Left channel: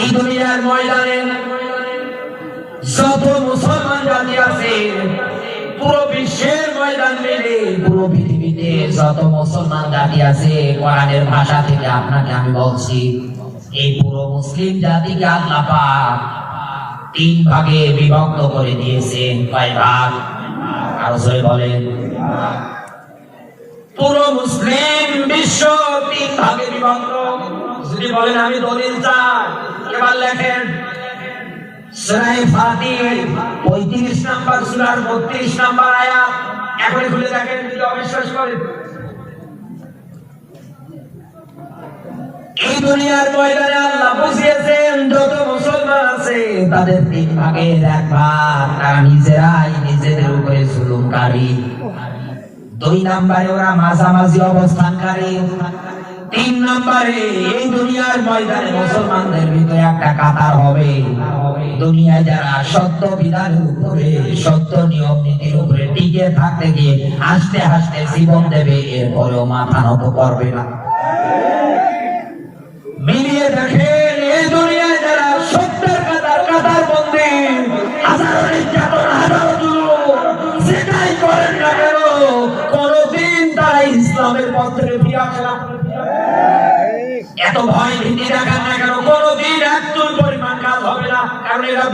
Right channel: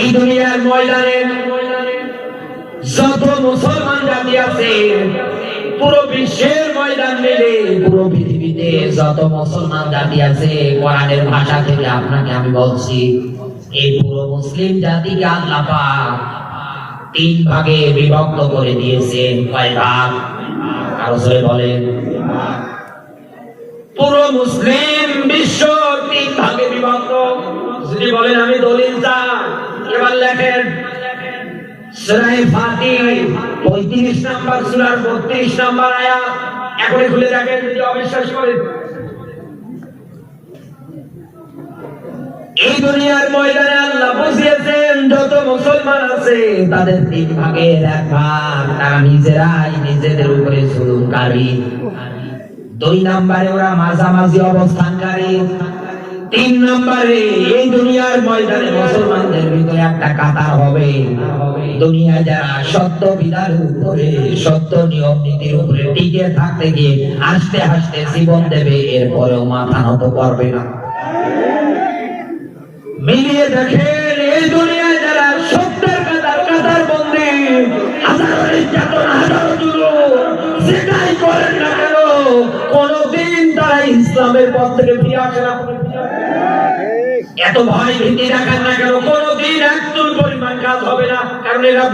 এই দুনিয়ার ময়দানে যত মুসলমান জাতি আছে, পুরো বিশ্বের ময়দান মিলে পুরো পৃথিবীতে যত মুসলমান জাতি আছে, কোরআনের ভাষা থেকে আপনাকে আমি বলছি, এই পুরো মুসলিম জাতিকে আল্লাহ পাক তিন ভাগে বিভক্ত করে দিয়েছেন। কয় ভাগ? আরও জোরে বলেন। পুরো মুসলিম বিশ্ব তিন ভাগে বিভক্ত। যদি বলেন, আমি দলিল চাই। এবার লেখেন ফাতিহ পঁয়ত্রিশ নাম্বার সুরার বত্রিশ নাম্বার আয়াত। খুলে দেখেন, যদি অবিশ্বাস করেন। এই দুনিয়ার ময়দানে আল্লাহ বসিয়েছেন যত মুসলমান আছে, তাদের তিন ভাগের এক ভাগ তারা নিজেরাই নিজেদের উপরে জুলুমকারী। দুই নম্বরে ওরা মাঝামাঝি অবস্থানকারী। তিন নম্বরে, এই দুনিয়ার ময়দানে মুসলমানদের ভিতরে একটা কাতার হবে। দুনিয়ায় যারা সত্য বিধানের উপরে, সত্য নিয়ম নীতির উপরে টিকে থাকতে গিয়ে হাসতে হাসতে জীবন দেবে, এরপরেও মাথা নত করবে না। মিলিয়ে দেখেন এত ভয় ভীতি না কেন? কোনদিন একদম পরিমাণ কাজ হবে না। কারণ এরা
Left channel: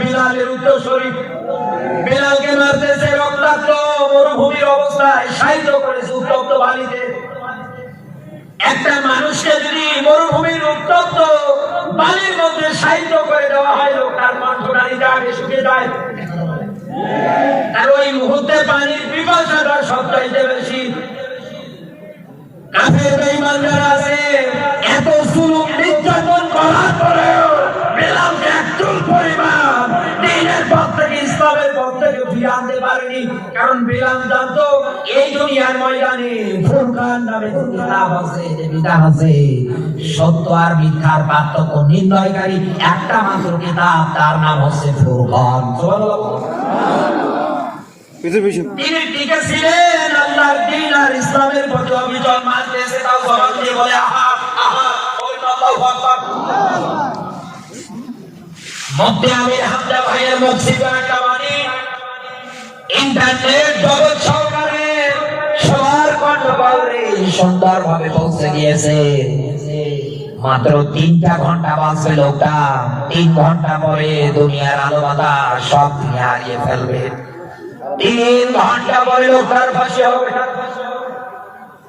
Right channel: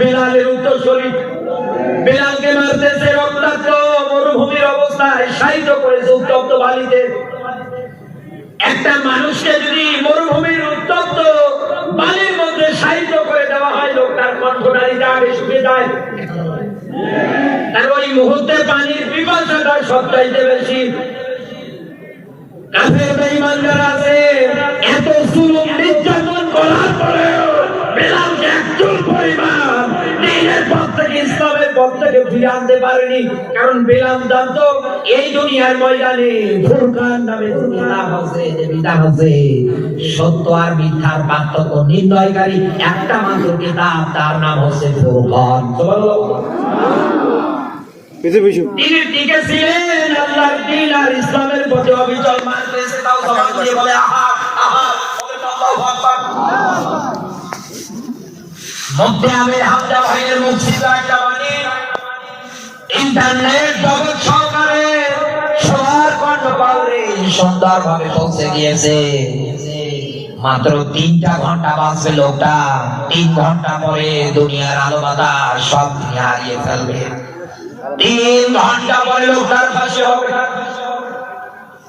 মারতেছে রক্তাক্ত মরুভূমির অবস্থায় সাহিত্য করেছে উত্তপ্ত বালিতে। একটা মানুষকে যদি মরুভূমির উত্তপ্ত বালির মধ্যে সাহিত্য করে দেওয়া হয়, লোকটার কণ্ঠনালীটা আগে শুকিয়ে যায়। আর ওই মুহূর্তে পানির পিপাসাটা সবচাইতে বেশি। কাফের বেঈমান যারা আছে। জুলুম নির্যাতন করার পরেও বেলালকে একচুল পরিমাণ দিনের পথ থেকে ইসলামের পথ থেকে ফিরে আনতে পারেনি। কারণ বেলাল জানতো এই দুনিয়ার ময়দানে ফুরকান নামে কিতাব আছে যে বিধান আছে সত্য আর মিথ্যার পার্থক্য নির্ণয়কারী একটা মাত্র কিতাব তার নাম হচ্ছে ফুরকান। তিনি টিকে ছিলেন আল্লাহর দিন আর ইসলামের পথে অবিচল। মানতেছে তাও সবাই বলে আহা মধ্যে আমি হামজা ভাইয়ের মসজিদে একটা বাণী ইন্টারনেট, জগৎ সরকারের সবার কণ্ঠপালে সুন্দরভাবে পৌঁছে গিয়েছে। মাত্র তিনটা ঘণ্টা বাঁচবে লোকটা। তিন ঘণ্টা পরে দুনিয়ার আলো বাতাস সব হারিয়ে ফেলবে। তিন ঘণ্টা পরে লোকটার ফাঁসি হবে।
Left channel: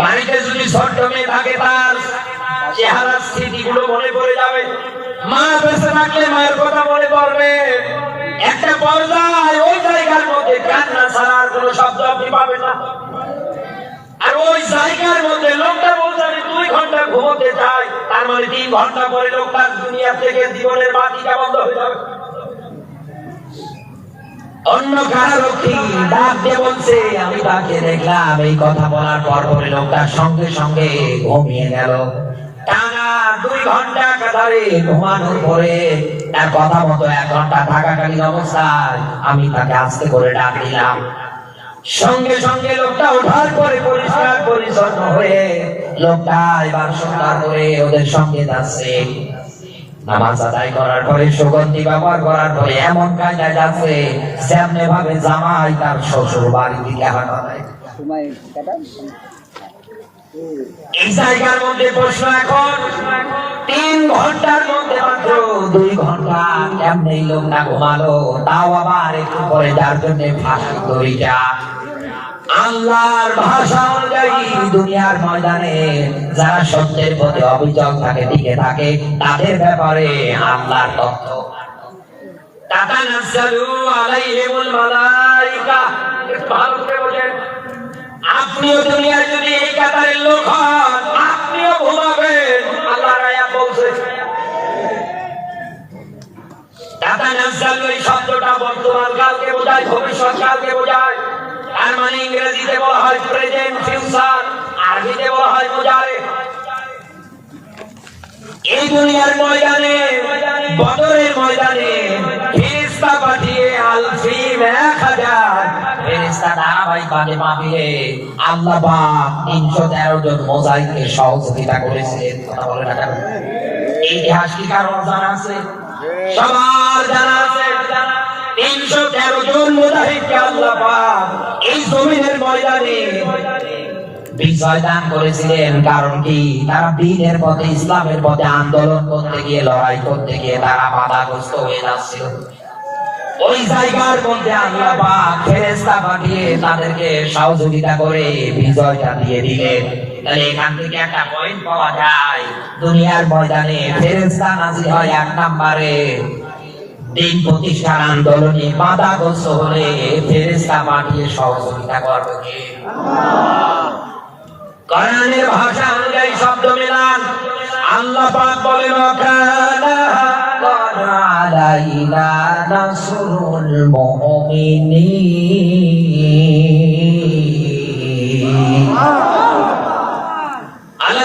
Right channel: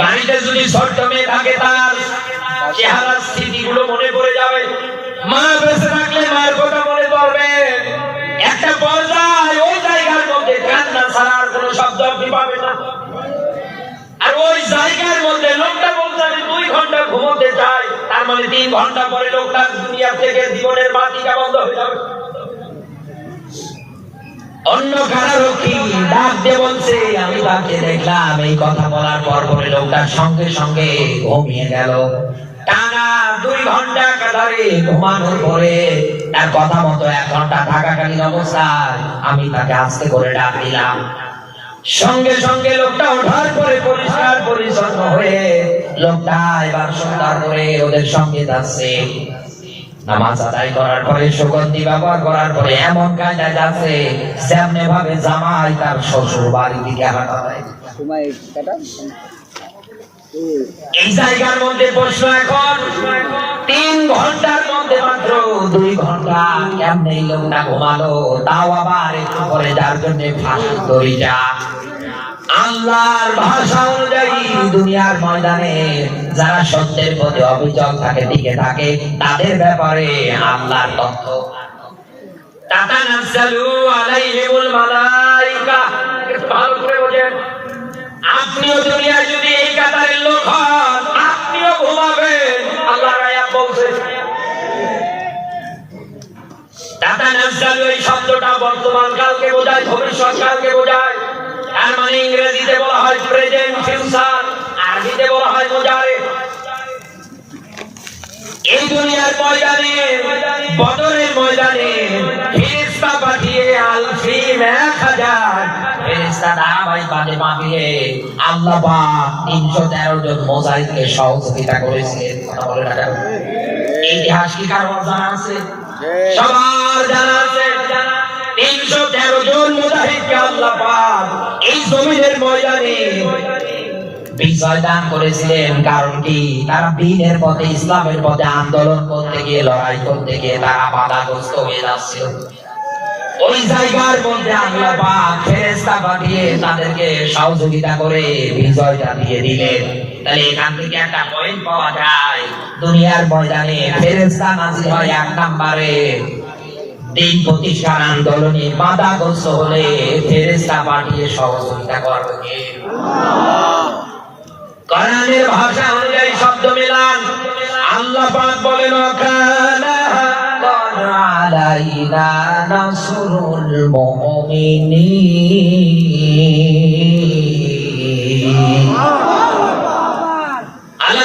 বাড়িতে যদি ছোট্ট মেয়ে থাকে তার চেহারার স্মৃতিগুলো মনে পড়ে যাবে। মা বেঁচে থাকলে মায়ের কথা মনে পড়বে। একটা পর্যায়ে ওই জায়গার মধ্যে কান্না ছাড়া আর কোনো শব্দ আপনি পাবেন না। আর ওই জায়গার মধ্যে লোকটা বলতে আমি দুই ঘণ্টা ঘুমোতে চাই। তার মানে তিন ঘণ্টা পরে লোকটা দুনিয়া থেকে জীবনের বাতিটা বন্ধ হয়ে যাবে অন্য কারারক্ষী ডাক দিয়ে বলছে? আমি তাকে দেখলাম, এই কথা বলার পর পরে লোকটার সঙ্গে সঙ্গে ঘুমিয়ে গেল। টানা দুই ঘণ্টা কাতারে ঘুমানোর পরে তার কথা মতো এক ঘণ্টা থাকাকালীন অবস্থায় আমি তাকে আস্তে করে ডাক দিলাম। সঙ্গে সঙ্গে লোকটা ওঠার পরে পরিষ্কার পরিচ্ছন্ন হয়ে লোকটা এবার সুন্দর করে ওদের সঙ্গে যাচ্ছে। নামাজ আদায় করার পরে সুগন্ধি ব্যবহার করার পরে এমন কায়দায় যাচ্ছে যেমনে ভাবে জামাই তার শ্বশুর বাড়ি দিকে হাঁটা এই জায়গার মধ্যে প্রশ্ন এখন তিন ঘণ্টার মধ্যে মাত্র দুই ঘণ্টা কেমনে এই লোকটা ঘুমালো তাও আবার একটু পরে যার জন্য ফাঁসি দড়িটা আল্লাহর ভাষা অনুযায়ী দুনিয়ার ময়দানে যারা সত্যের প্রতি অবিচল থাকে, টিকে থাকে, তাদের ব্যাপারে আল্লাহর তথ্য। আপনিও দুনিয়ায় যদি এই কাতারের লোক হন, আপনিও ঘুমাবেন। এই শব্দটা বর্তমান কালকে বোঝায়, ভবিষ্যৎ কালকে বোঝায়। তার মানে ইংরেজিতে বলা হয় প্রেজেন্ট ফিউচার আরবিতে বলা হয় মোজারে এই দুনিয়ার ময়দানে বদরের ময়দানে ফেরেশতা পাঠিয়ে আলফি এক হাজার। ফেরেশতা ধারাবাহিক ভাবে পাঠিয়ে আল্লাহ পাক তিনশো তেরো জন মোজাইকে সহযোগিতা করেছিলেন। কথা বলে না এই ইতিহাস কি কারোর জানা আছে? সবার মোজাহিদকে আল্লাহ এই জমিনের ময়দানে বিজয় দান করেছিলেন কারণ কি? তারা দিনের পথে ইসলামের পথে আন্দোলন করতে গিয়ে লড়াই করতে গিয়ে তারা বাধাগ্রস্ত হয়ে যাচ্ছিল ওই জায়গার মধ্যে আল্লাহ পাক ফেরেশতা পাঠিয়ে তাদেরকে সহযোগিতা করে বিজয়টা দিয়ে দিলেন। তাহলে এখান থেকে একটা পয়েন্ট পাওয়া যায়। দুনিয়ার ময়দানে ফেরেশতা নাজিল হয় এক নম্বরে। দিন প্রতিষ্ঠান আন্দোলনে বাধাগ্রস্ত হলে ফেরেশতা পাঠিয়ে সহযোগিতা করবে? কোরআনের ভাষা অনুযায়ী শব্দ মেলান। আল্লাহ পাক বলেন আলাইনা নাসরুল মুমিনিন। আল্লাহ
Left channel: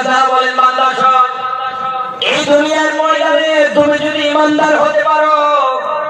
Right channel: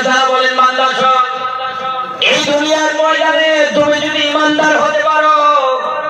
এই দুনিয়ার ময়দানে তুমি যদি ইমানদার হতে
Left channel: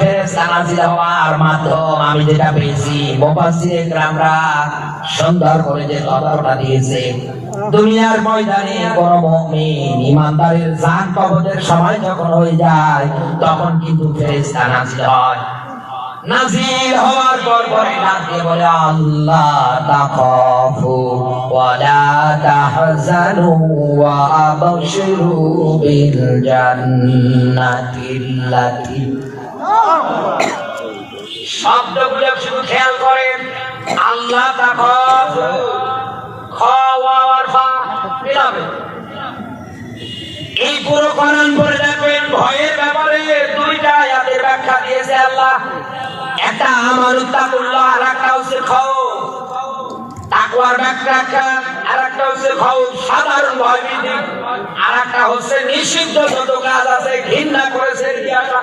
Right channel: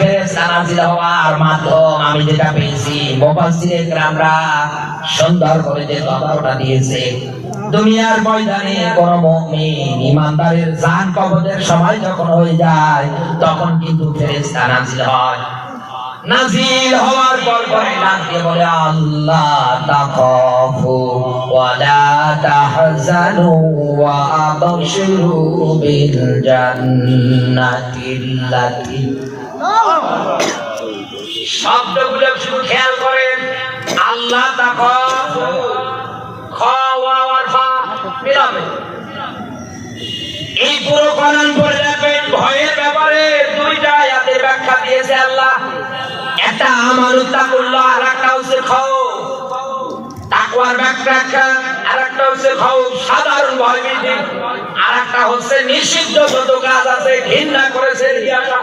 ময়দানে হওয়ার মাধ্যম আমি যেটা পেয়েছি। মুফাসসিরে কেরামরা সুন্দর করে যে তথ্যটা দিয়েছে। দুনিয়ার ময়দানে কোন মুমিন ইমানদারের জান কবজের সময় যখন হয়ে যায়, তখন কিন্তু ফেরেশতা নাজিল হয়। নাজিল হওয়ার পর পরে ডাক বলে, আল্লাহ তাখাফু ওয়ালা তাহজানু ওয়া আবশিরু বিল জান্নাতিল্লাতি শব্দগুলো শুধু খেয়াল করেন। আল্লাহ এই পুরো কোরআন পড়ে দেখবেন ভয়ের ব্যাপারে দুইটা আয়াতের ব্যাখ্যা দিয়েছে আল্লাহ। একটা আমানুত্তা করল আর একটা হচ্ছে খাও তাকওয়ার ব্যাখ্যা আর একটা হচ্ছে খাও সাধারণ ভয় আর একটা হচ্ছে নিষিদ্ধ যত কাজ আছে, ঘৃণা করেছে ইতিহাসা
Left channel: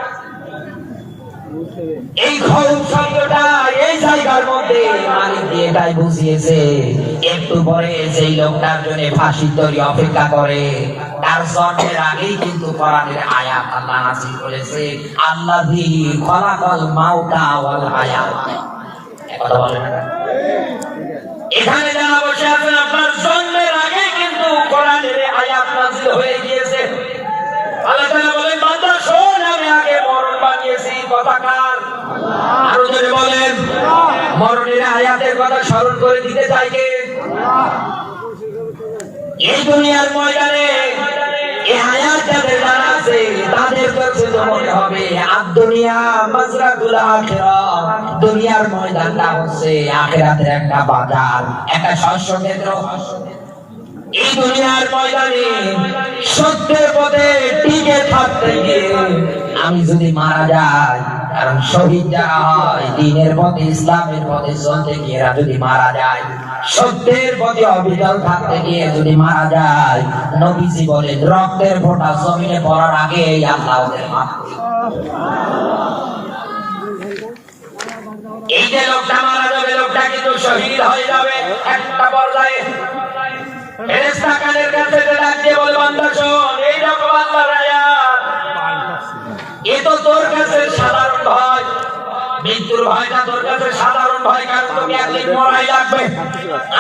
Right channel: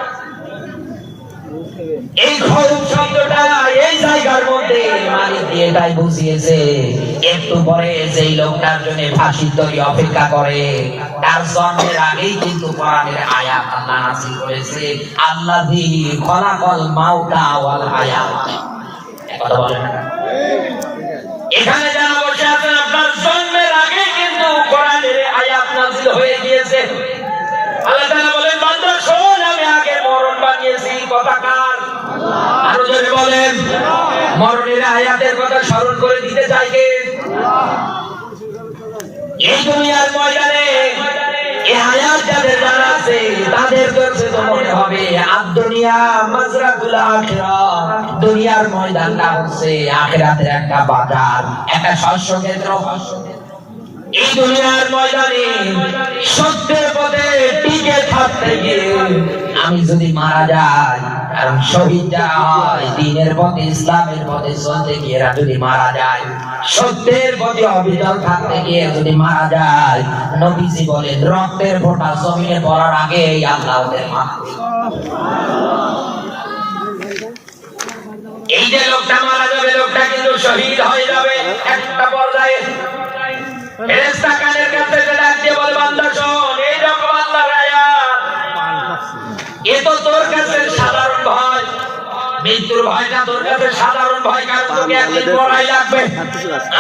এই খরচ শব্দটা এই জায়গার মধ্যে মালিক দিয়ে এটাই বুঝিয়েছে। একটু পরে যেই লোকটার জন্য ফাঁসির তৈরি অপেক্ষা করে, তার জন্মের আগেই কিন্তু কোরআনের আয়াত আল্লাহ নাযিল করেছে, আল্লাযী খলাকাল মাউতা ওয়াল হায়াত। কথা বলেন এখানে যারা বসে আছেন, আপনার জন্মের আগে কিন্তু কোরআনের আয়াত নাযিল হয়ে গিয়েছে। আল্লাহ তাআলা বলেন, বান্দা শোন, আমি আগে মরণ বানিয়েছি, কথা কার? আরও জোরে বলেন, মরণের আয়াতের কথা স্মরণ করে দিতে চাই এই দুনিয়ার ময়দানে এই আয়াত যাদের জানা তাদের কাছে মনে হবে আর দুনিয়া মাজরাতুল আখিরাহ দুনিয়ার ময়দানটা হচ্ছে, আখিরাতের একটা বাজার, একটা শস্য ক্ষেত্র এই দুনিয়ার ময়দানে সত্যের পথে টিকে থাকতে গিয়ে আমি যদি মারা যাই কারণ শহীদ হয়, দিনের পথে ইসলামের পথে চলতে গিয়ে যদি মারা যায়, সত্যের অবিচল থাকতে গিয়ে যদি মারা যায়, নবীজি বলেন, রক্তের ফোঁটা জমিনে পড়ার আগে আল্লাহ ওদের দেন। এই যে লোকটা মারা যাবে, লোকটা কিন্তু শহীদ হয়ে যাবে একটা পর্যায়ে মৃত্যুর ভয়টা তোর কাছে সাধারণ ভয় কারণ একদিন মরাই লাগবে।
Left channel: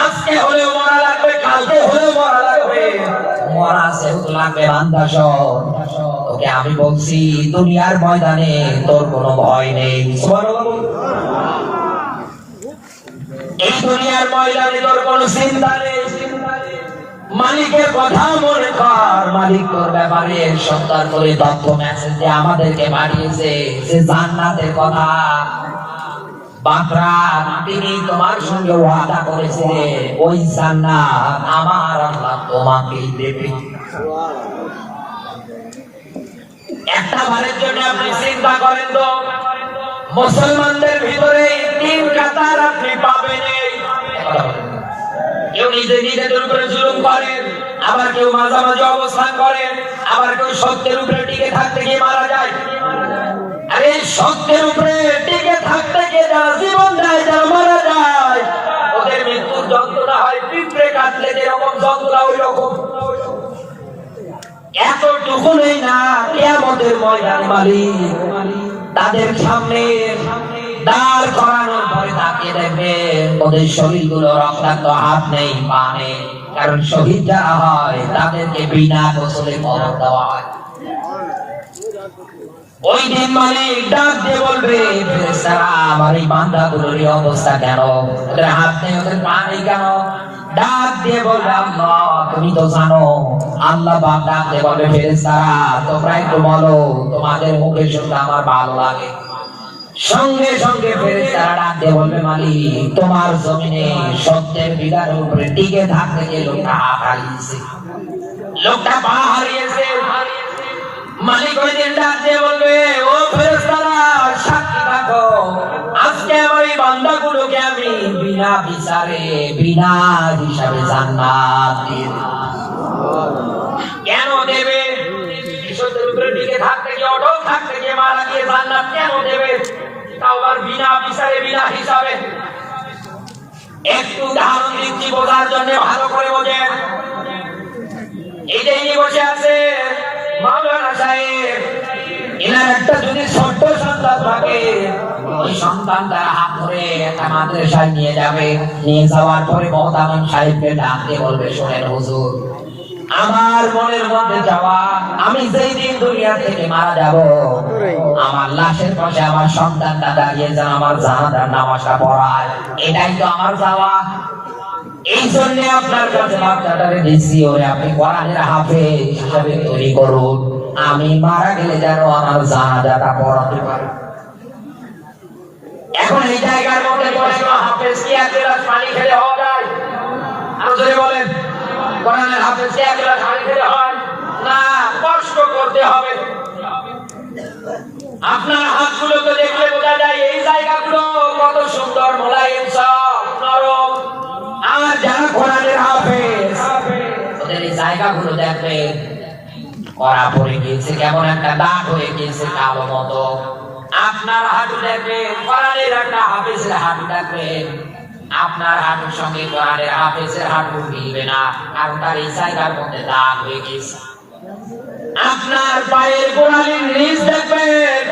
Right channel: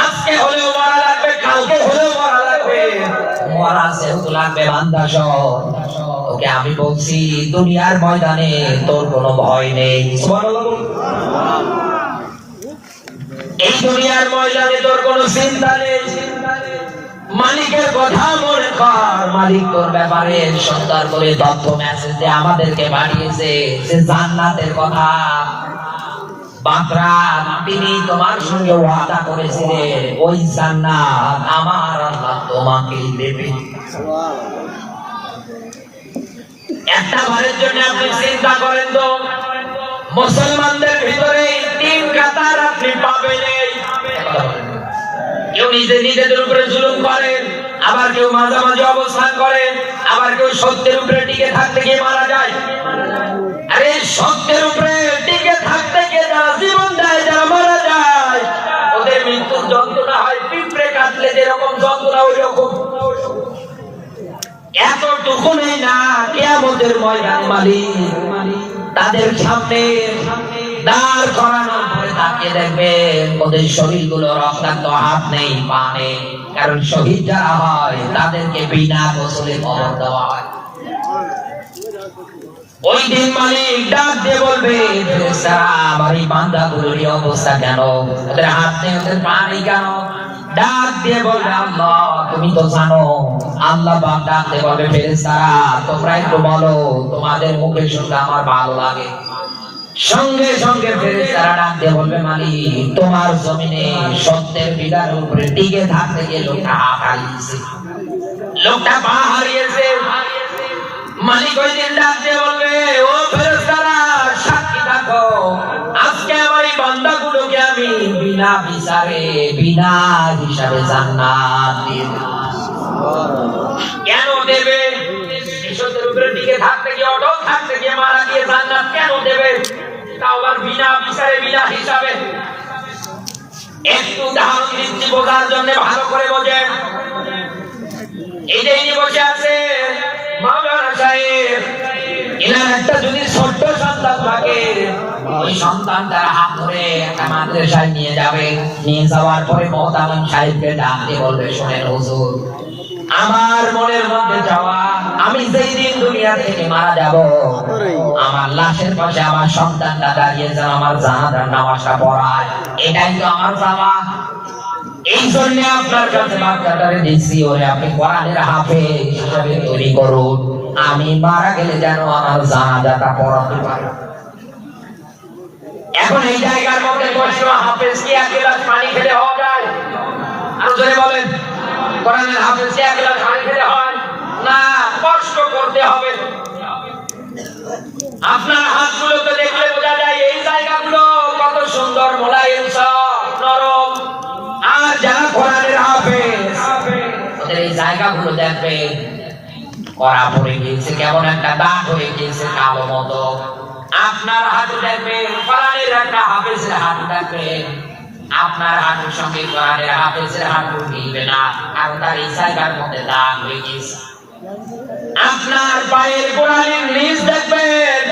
আজকে হলেও মরা লাগবে কালকে হলেও মরা লাগবে। মরা যেহেতু লাগবে বান্দা ওকে আমি বলছি দুনিয়ার ময়দানে তোর কোনো ভয় নেই। এই দুনিয়ার ময়দানে তোর কোনো চিন্তা নেই। মালিকের কথা মনে কর। মালিক তোর ব্যাপারে সত্তর করে তথ্য মেসেজ দিয়ে আমাদেরকে পাঠিয়েছে যে জান্নাতের কথা। বাকরা তিনি তোমার সঙ্গে ওয়াদা ওই জান্নাত আমার আল্লাহ দেবে। একটা বারের জন্য আপনি চিন্তা করেন তো, মুসলমানদের ভিতরে তিন কাতার আপনি পাবেন। কেউ নিজে নিজেদের উপরে জুলুম করেন, আবার কেউ মাঝামাঝি অবস্থান করেন, আবার কেউ সত্যের উপরে টিকে থাকতে গিয়ে মারা যায়। আরে সত্যের উপরে টিকে থাকতে গিয়ে যারা জীবন দেয়, যারা মারা যায়, ওদের মৃত্যুর যন্ত্রণা হয়, পিঁপড়ে কাটলে যেরকম যন্ত্রণা ওই রকম এতটুকু নেই না, কেয়ামতের ময়দানে মালিক। তাদের সামনে দাঁড় পরে তাকিয়ে দেখবেন ওদের শরীরগুলো রক্তাক্ত হাত নেই, পা নেই। কারণ শহীদ যারা হয়, তাদেরকে বিনা গোসলে কবর দেওয়া হয়। তোমরা একটু বলো, তোমাদের মুখে শুনতে আমার ভালো লাগে। সঙ্গে সঙ্গে ফেরেশতারা ডাক দিয়ে বলবে, মালিক, তোমার জমিনে সত্যের বিদার উপরে টিকে থাকতে গিয়ে লোকটা হাত হারিয়েছে। লোকটা পা হারিয়েছে। মালিক ওই দিন ডাক দিয়ে বলবে, ও ফেরেশতারা, সাক্ষী থাকো। আজকে আমার এই বান্দাগুলোকে আমি বিনা বিচারে, বিনা হিসাবে জান্নাত দিয়ে কেন দেবে? বিশুদ্ধের উপরে টিকে থাকতে গিয়ে, অটল থাকতে গিয়ে মারা গিয়ে জান্নাত কেন দেবে? তাও আবার বিনা বিচারে, বিনা হিসাবে। একটু উদাহরণ বোঝার জন্য ভালো করে বোঝেন। এই যে বসে আছে মাওলানা সাহেব, এনার একটা যদি সন্তান থাকে হাত ধরে নিয়ে যাবে। নিয়ে যাওয়ার পরে মহতামিম সাহেবকে বলবে, শোনেন হুজুর, আমার মনের মধ্যে যাওয়া আমি যেই দিন দুনিয়া থেকে মারা যাব, আমার লাশের পাশে আমার সন্তানটা দাঁড়িয়ে যেন আমার জানাজার নামাজটা পড়ায়। এটাই তো আমার করুন। আমি মারা গেলে যেন আমার জানাজাটা পড়াতে পারে। এখন এই জায়গার মধ্যে পানি খেলে হওয়া যায়? আরও জোরে বলেন হাফেজ, কি এক গ্লাস পানি খেলে হয়? না কষ্ট করতে হবে। আপনার হাতগুলো তো দেখলে বোঝা যায়, এই জায়গাগুলো কত সুন্দর মোলায়েম নরম আর যারা কোরআনের হাফেজ ওদের এই জায়গাগুলো দেখবেন, করা পড়ে গিয়েছে, কেমন একটা দাগ হয়ে গিয়েছে কালো মতো। আপনার হাঁটু দেখবেন, কোরআনের একটা হাফেজের হাঁটু দেখবেন। আপনার হাঁটুর সঙ্গে কোরআনের হাফেজের হাঁটু মিলবে না, কারণ তার এই জায়গার মধ্যে দাগ হয়ে গিয়েছে। আপনার পায়ের গোড়ালির নিচ দেখবেন।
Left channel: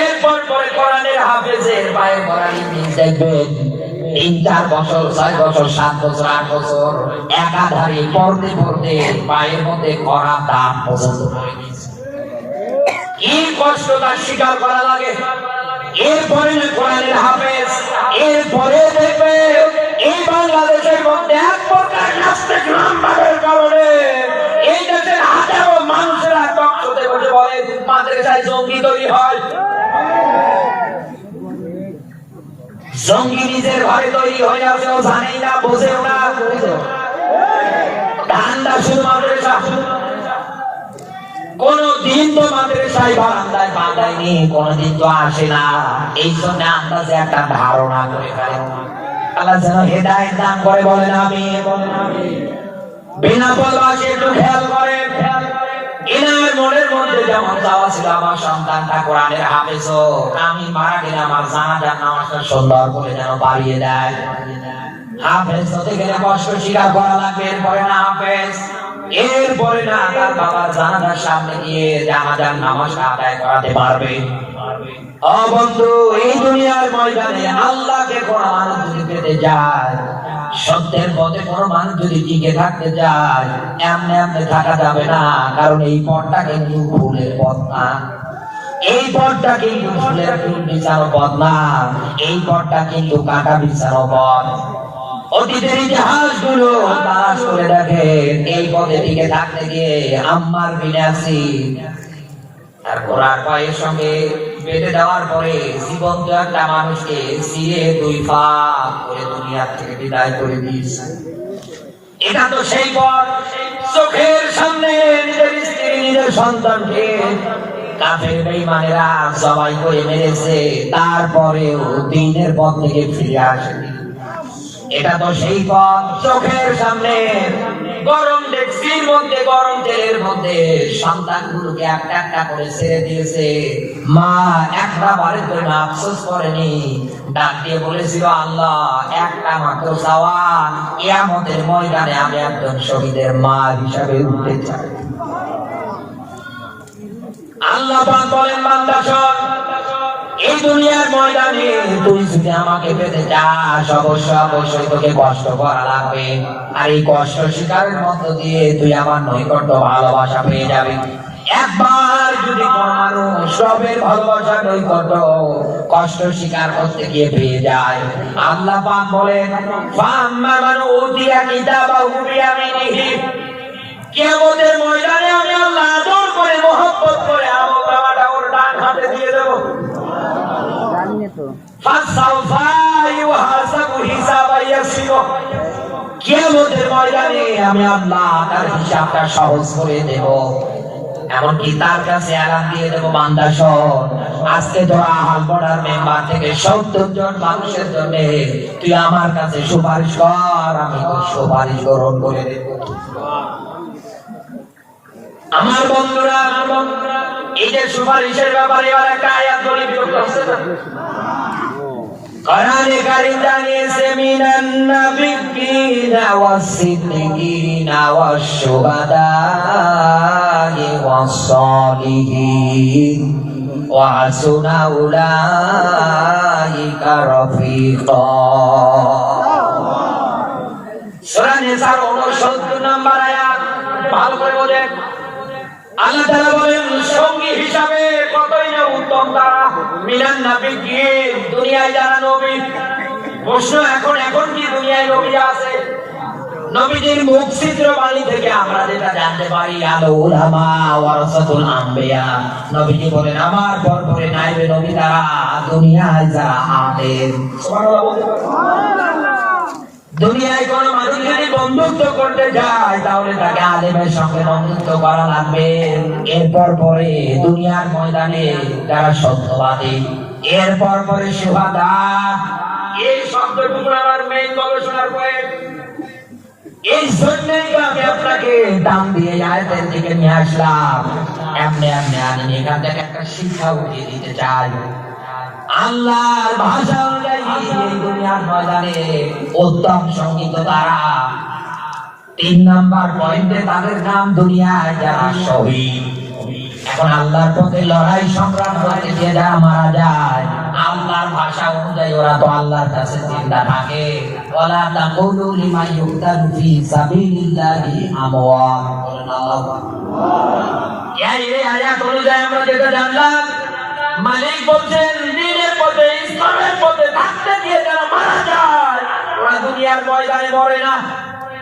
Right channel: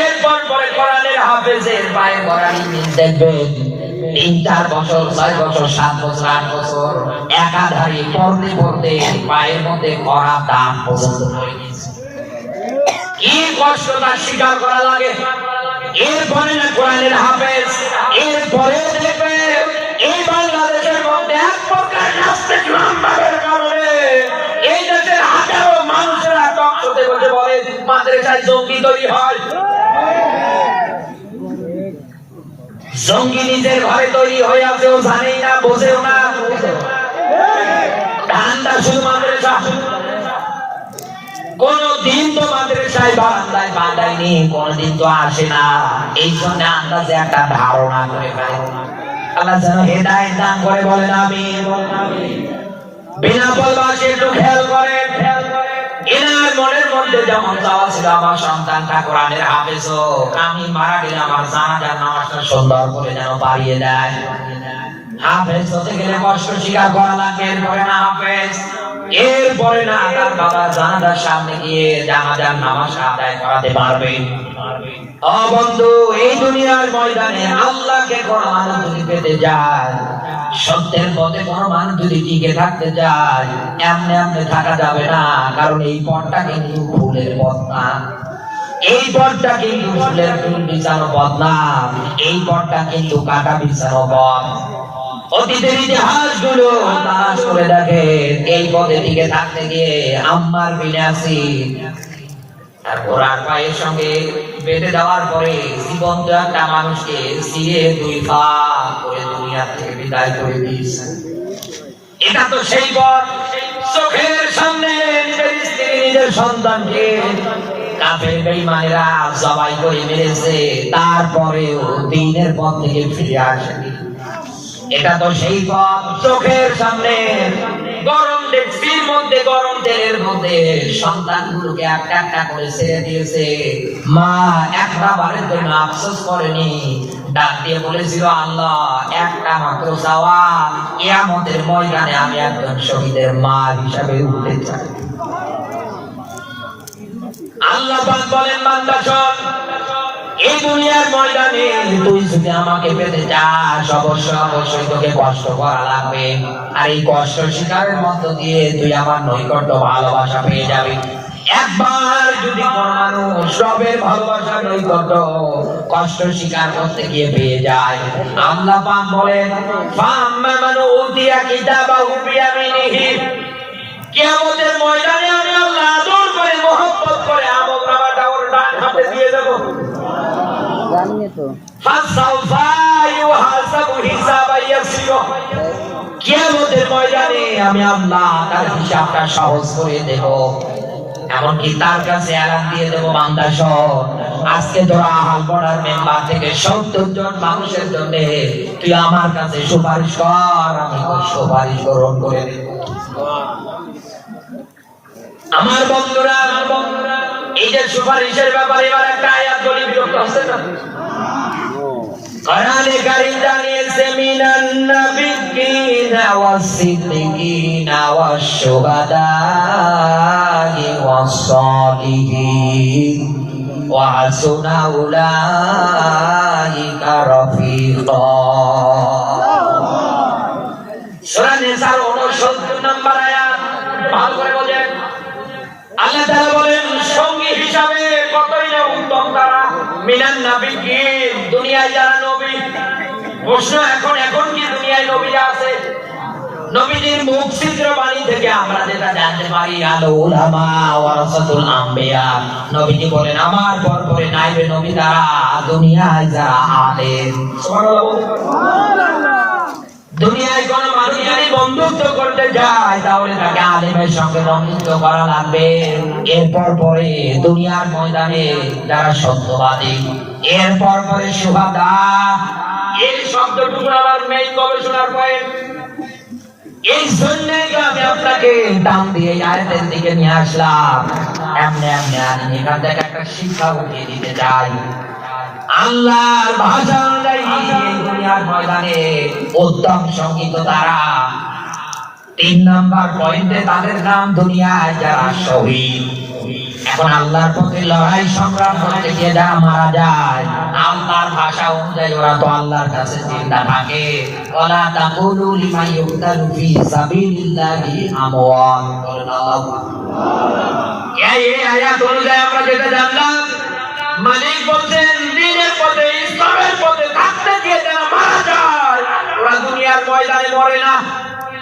এরপর পরে কোরআনের হাফেজের পায়ের গোড়ালির নিচ দেখবেন। তিন, চার বছর, ছয় বছর, সাত বছর, আট বছর, একাধারে পড়তে পড়তে পায়ের মধ্যে করা দাগ পর্যন্ত হয়ে গেছে। কি কষ্ট তার স্বীকার করা লাগে? এরপরে না কোরআনের হাফেজ, এরপরে দেখবে এই বাংলাদেশের মধ্যে এক প্রকার কারণে মাদ্রাসায় জঙ্গি তৈরি হয়। জঙ্গি নিজের ঘরে তৈরি হয়ে আছে ও জানেই না, বোঝেও না। ঠান্ডা শুধু মাদ্রাসা কোন দিন তো মাদ্রাসায় বারান্দায় বাঁধায়নি কোনদিন তো আসে না। এই জন্য আন্দাজে একটা ধারণা করে ফেলে। আল্লাহ যেন হেদায়েত দান করে বলেন আমি বিনা পলবাসী একটু খেয়াল করেন। এনার মনের মধ্যে যেমন চাওয়া ছিল, আমার সন্তানটা কোরআনের হাফেজ হোক আমি মারা গেলে আমার জানাজার নামাজটা সুন্দর করে যেন বাড়িয়ে দেয়। হাফেজ হতে গেলে কষ্ট স্বীকার করা লাগবে এরপরে না হাফেজ। এরপরে না তার বাবা জানাজার সামনে গিয়ে জানাজার নামাজ আদায় করাতে পারবে। ও বন্ধু, এই দুনিয়ার ময়দানে আল্লাহকে মানুষ যদি পেতে যায় সত্যের পথে কোন মানুষ যদি টিকে থাকতে চায়, এমনি এমনি থাকা যাবে না, কারণ এই পথটা কিন্তু ফুলের পথ না। এই পথটা কিন্তু ফুলের ফুল বিছানো পথ না। এই পথটা কিন্তু কাটা বিছানো পথ। অতীতের ইতিহাসগুলো দেখে, এই পথে থাকতে গিয়ে আম্মার বিনাশি পায়ের সঙ্গে বেঁধে দেওয়ার পরে জীবন্ত একটা মানুষকে সিয়ে দুই পা দুনিয়া থেকে বিদায় করে দিয়েছে এটা তো সেই পথ, চোখের সামনে নিজের স্ত্রী নিজের সন্তানকে তারপরেও দিনের থেকে ফিরে এটা তো সেই পথ চোখের সামনে গরম ডেক্সির মধ্যে গরম তেলের মধ্যে সন্তানগুলোকে একটা একটা করে ছেড়ে দিয়েছে। মা একটা বারের জন্য আফসোস করেনি। ডাক দিয়ে বলেছিল, আল্লাহ, একটা মাত্র চাওয়া ইয়ামতের ময়দানে আমি একজন শহীদের মা হিসাবে উঠতে চাই। আল্লাহ বলেন, বান্দা শোন এই দুনিয়ার ময়দানে তুই যদি আমাকে পেতে চাস অবশ্য অবশ্যই তোকে কষ্ট করা লাগবে। আর এই কষ্ট স্বীকারের মধ্য দিয়ে তুই আমার নৈকট্য ভালোবাসা পেয়ে যাবি। একবার যদি কোনো মানুষ রবের ভালোবাসা নৈকট্য কষ্ট স্বীকার করতে গিয়ে পেয়ে যায় আল্লাহ পাক বলেন ফাম্মা মান উতিয়া কিতাবাহু বিয়ামিনিহি কিয়ামতের ময়দানে আমি আল্লাহ আদর করে মহব্বত করে আমল নামাটা ওর ডান হাতে দিয়ে দেবো। জানিয়ে তো। ফাসাউফা ইউহাসাবু ইয়াসিরা কিয়ামতের ময়দানে আমি আল্লাহ তার হিসাবটা সহজ করে দেব। এমনকি তার কাছে এলান দিয়ে দেব বান্দা শোন আজকে তোরা আহাল বড়ার মেম্বার থেকে সত্তর জন মানুষের জন্য তুই আমার কাছে সুপারিশ কর আমি সুপারিশ গ্রহণ করে দেব। আমার বন্ধুরা, এই যে সুপারিশের ব্যাপারে এবার একটা আয়াত বলি বিরক্ত হচ্ছে জানিয়েছে মিনান নাবিয়্যিনা ওয়াস-সিদ্দিকিনা ওয়াশ-শুহাদা'i ওয়াস-সালিহিন ওয়া হাসুনা উলাইকা রাফিকা সূরা নিসার 69 নম্বর আয়াত। ভালো করে বোঝেন আল্লাহ তাআলা বলেন, সঙ্গী হিসাবে কতই না উত্তম তারা। মিনান নাবিয়্যিন দুনিয়ায় যারা নবী। প্রশ্ন এখন এখন কি দুনিয়ায় নবী আছে? নবীজির মুখ ছিদ্র বাণী থেকে আমরা যেটা জানতে পারি আলো উলামা ওয়ারাসাতুল আম্বিয়া। নবীজি বলেন আমার পর পরে নাইবে নবী তারা দুনিয়ায় যারা আলেম। সুবহানাল্লাহ। দুনিয়ায় কোন বন্ধুত্ব করতে যায় তাহলে তাকে আলেমের সঙ্গে বন্ধুত্ব করা লাগবে। এরপর পরে দুনিয়ার ময়দানে যারা সত্যবাদী, এরপর পরে সুহাদা। এই শব্দটুকু আমার মেইন গবেষণার পয়েন্ট এই জন্যই আমি আপনাকে দাম দিয়ে আয়াতের দিকে নিয়ে আসলাম। এমনি এমনি আমি এখান থেকে একটা শিক্ষা উঠিয়ে দিতে চাই। আল্লাহর ভাষা অনুযায়ী দুনিয়ার ময়দানে উত্তম সংগীত তারা তিন নাম্বার পয়েন্টে তাদের নাম দুনিয়ায় যারা শহীদ। এখন আল্লাহর পথে লড়াই সংগ্রাম করতে গিয়ে যারা মারা যায়, আল্লাহর ভাষা অনুযায়ী ওরা তো আল্লাহর কাছে চিন্তা থাকে। ওলা তাকুলু লিমান ইউকতালু ফি সাবিলিল্লাহি আমওয়াত এই আয়াত অনুযায়ী আমরা যেটা জানলাম, মালিক বলছেন দিনের পথে, ইসলামের পথে থাকতে গিয়ে যারা মারা যায়, ওরা দুনিয়ার ময়দানে মরে না।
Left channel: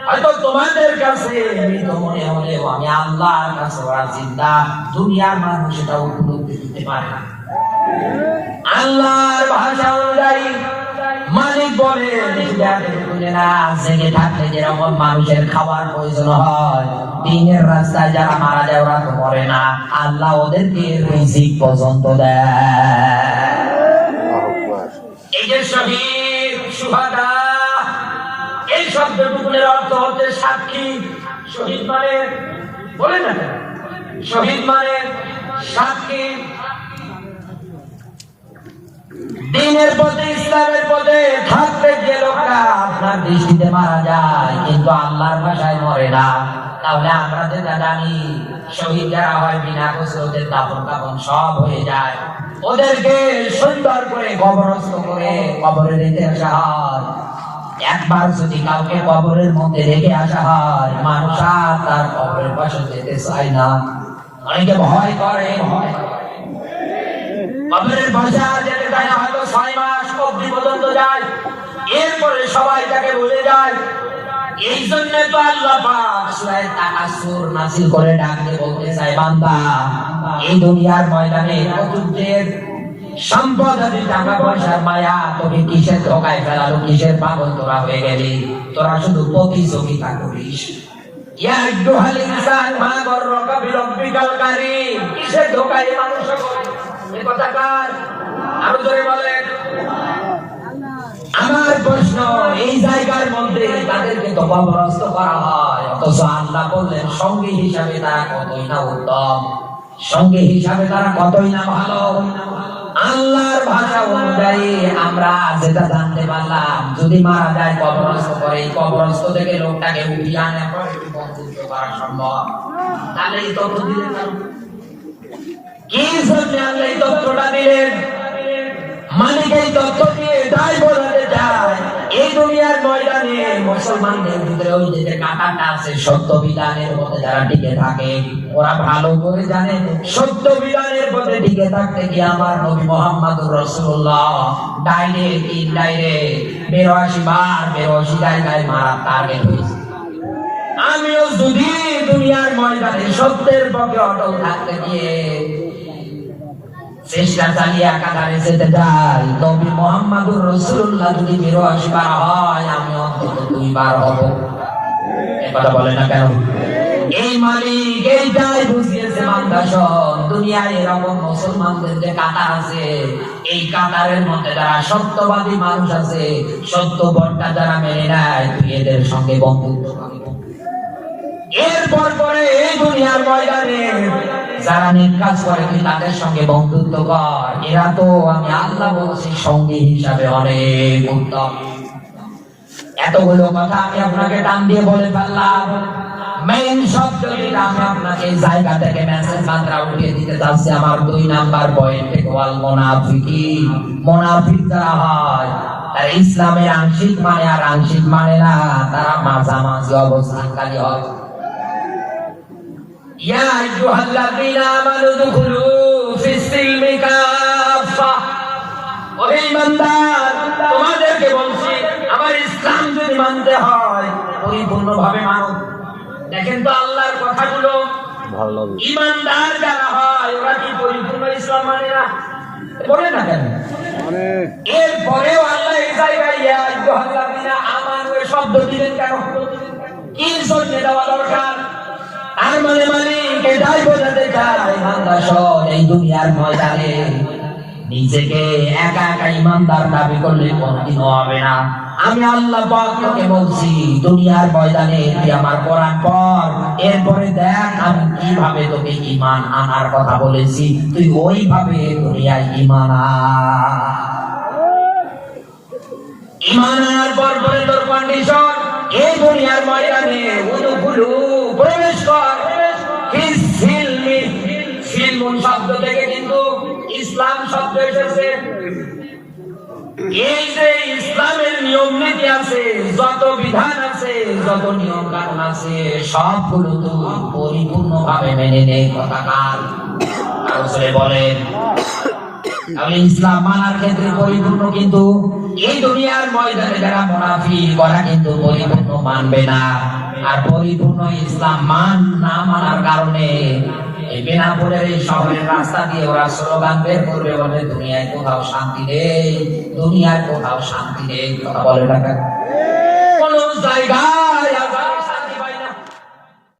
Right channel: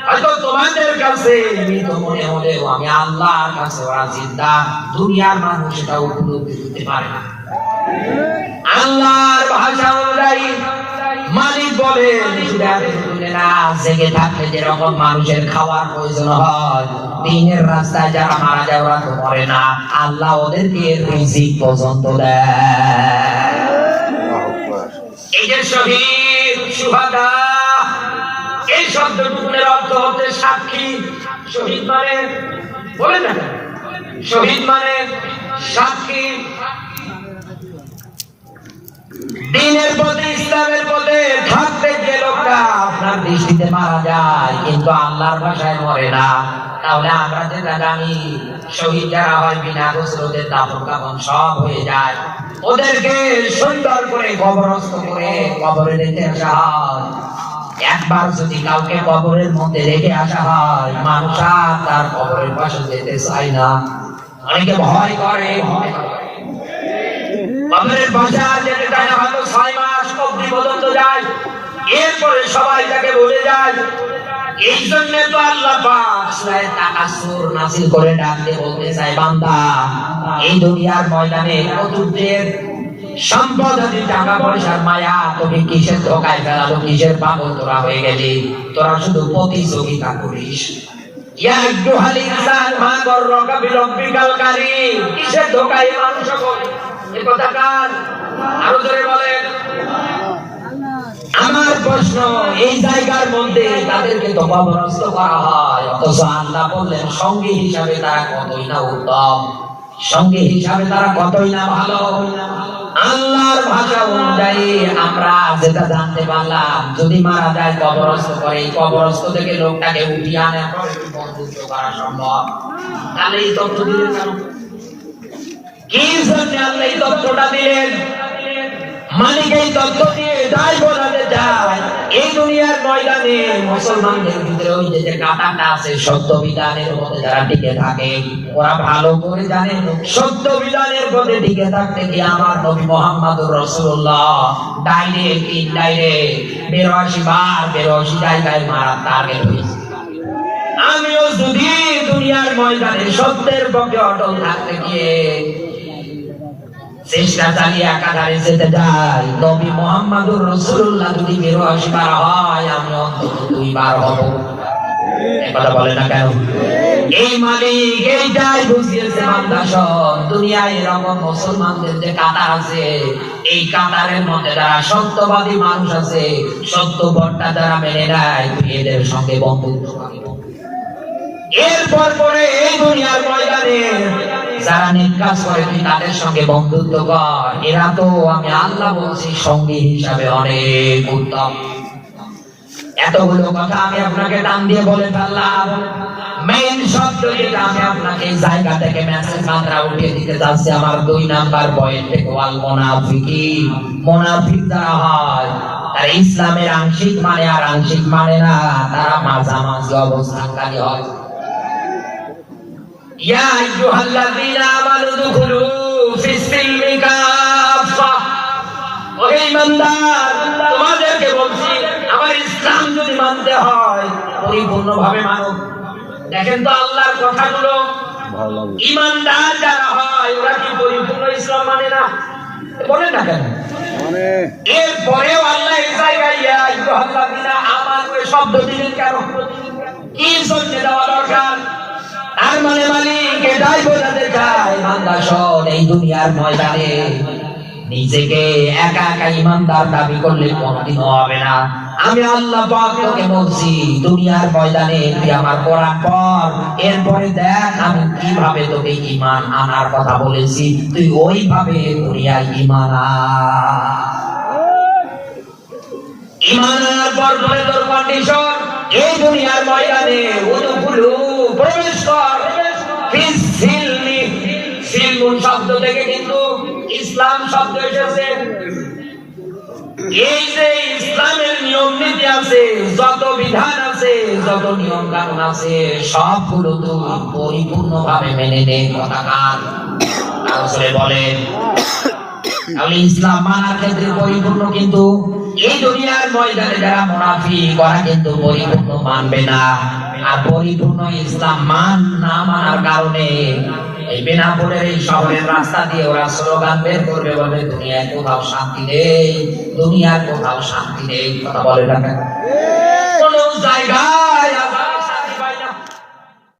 হয়তো তোমাদের কাছে মৃত মনে হলেও আমি আল্লাহর কাছে ওরা জিন্দা দুনিয়ার মানুষ এটা উপলব্ধি করতে পারে না। আল্লাহর ভাষা অনুযায়ী মালিক বলে জেগে থাকলে যেরকম মানুষের খাওয়ার প্রয়োজন হয় দিনের রাস্তায় যারা মারা যায় ওরা তো মরে না। আল্লাহ ওদেরকে রিজিক পর্যন্ত দেয়। এই যে শহীদ সুহাদা এই শব্দটুকুনের অর্থ হচ্ছে সাক্ষী। শহীদ মানে বলে না? শহীদ মানে সাক্ষী। দিনের পথে, ইসলামের পথে থাকতে যে লোকরা আপনার দৃষ্টিতে মারা যায়, কিন্তু আল্লাহর ভাষায় মরে না। তাহলে আমরা যেটা জানি শহীদ যারা হয় বিনা দাফন সব হয়ে যায়। ওদেরকে সুন্দর করে কবরস্থ করে কবরে রেখে আসা হয় একবার যদি কাউকে কবরের মধ্যে রেখে আসা হয়, মানুষ তার কবরের যেতে চায় না। অনেকে ভয় করে, ভয় এরপরে সবাই বলে যায়, এই জন্য তো আল্লাহ করে ডাক দিয়ে বলতে এই দুনিয়ার ময়দানে চতুর্থের সম্পদ আদি টাকা পয়সার মায়া তুমি কিসের ধোকায় ফেলালো কিসের পাগল তোরা হয়ে গেলি? তোরা শুধু প্রতিযোগিতা করিস। আমার প্রশ্ন, এই জায়গার তাদেরকে করা হয়? অথচ আল্লাহ বললেন, সঙ্গী হিসাবে তারা কতই না উত্তম। সঙ্গী হিসাবে তারা কতই না ভালো। আল্লাহর ভাষা অনুযায়ী আমরা যেটা জানতে পারলাম, যদি মারা যায় কবরস্থ করে কবরস্থ থেকে লোকটাকে উঠিয়ে আনে করা সম্ভব। তাহলে এই তথ্য দিলেন কি জন্য আল্লাহ এই তথ্যটা দিলেন? মালিক এই তথ্য দিয়ে দায় বোঝাতে চায় এই দুনিয়ার ময়দানে মুসলমানদের ভিতরে ওই যে কাঁটাটা আছে, সত্য বিধানের মধ্যে যারা টিকে থাকে, ওরা ভালো করে জানে। সত্য বিধানের মধ্যে টিকে থাকতে গিয়ে আমার নবী মোহাম্মদুর রসুল্লাহ ডাইরেক্ট ইনডাইরেক্ট বেরোয়াশি বার বেরোয়াশি জায়গায় মারা টার্গেট হয়েছে। আমিও যদি দুনিয়ার ময়দানে সত্যের পক্ষে অটল থাকতে গিয়ে চেষ্টা চালিয়ে একাধারে যেতে যাই নবী মোহাম্মদুর রসুল্লাহ যদি বিরোয়াশি বার হয়, আমি অন্তত দুইবার হব। কথা বলে না কেন? এই মালিক এইটাই বুঝিয়েছে মান্দাসন দুনিয়ায় এরকম মুসলমানদের যে কাতার আছে, এই কাতারের মধ্যে যারা সত্যবাদী মানুষ আছে, সত্য বটটা যারা মেনে নেয় এদের সঙ্গে বন্ধুত্ব এরপর পরে এই যারা কাজ করে তুই তাদের সঙ্গে বন্ধুত্ব কর। এরা তো আমি আল্লাহ বলছি, সঙ্গী হিসাবে অনেক উত্তম। এতগুলো কথা আমি আপনাকে টান দিয়ে বলে ফেললাম। মেইন শব্দ যেটা আমি আপনাকে এই জায়গা থেকে মেসেজ মাত্রা উঠিয়ে দিতে যাচ্ছি আমার দুই নাম্বার পয়েন্ট থেকে ওয়াল মোনাফিকি। মোনাফিক যারা হয়, তারা ইসলামের আংশিক মানে আর আংশিক মানে না, তারা মাঝামাঝি অবস্থানকারী হয়। ইয়া আইয়ুহাল্লাযীনা আমানু দুখুলু ফিস সিলমি কাফা ওহে ইমানদার তোমাদেরকে বলছি আমার ইসলাম যদি মানতে হয় পরিপূর্ণভাবে মানো দেখেন তো আল্লাহর কথাগুলো। ইমানদার যারা হয় ওরা কি পরিপূর্ণ ইসলাম মানে না? বলেন না কেন? এরপরেও আল্লাহ এই জায়গায় ইয়া আইয়ুহাল্লাযীনা আমানু শব্দ দিলেন কেন? কি জন্য দেওয়া দরকার? আর মানে মালিক, এটাই বোঝাতে চায় বান্দা শোন এই দুনিয়ার ময়দানে। নিজেকে একা একা ইমানদার দাবি করলে কোনদিনও হবে না। আমি আল্লাহ পাক বলছি, দুনিয়ার ময়দানে তুই আমার কোরআন পড়, এরপরে দেখ আমি কীভাবে তোকে ঈমান আনার কথা বলেছি। তুই ওইভাবে দুনিয়ার ঈমান আন ঈমান আনার পর পরে তোর কন্ডিশন এই দুনিয়ার ময়দানে উদুকুলু প্রবেশ কর শব্দ থেকে কিন্তু ইসলাম শব্দ এসেছে। এই যে ইসলামের নিয়ম নীতি আছে, যত বিধান আছে, যত নিয়ম কানুন আছে সবগুলো তো পরিপূর্ণ ভাবে মেনে নে কথাকার আসলে বলেন। ইসলাম মানার ক্ষেত্রে পরিপূর্ণ কিন্তু এই দুনিয়ার ময়দানে যারা মুনাফি কিন্তু পরিপূর্ণ মানবে না। আর পরিপূর্ণ ইসলাম মান না মানার কারণে এই এই শহরের রাস্তা দিয়ে ওরা স্লোগান বের করবে, বলে দুনিয়ায় কোথাও শান্তি নেই দুনিয়ার কোথাও শান্তি নেই। কথা বলে না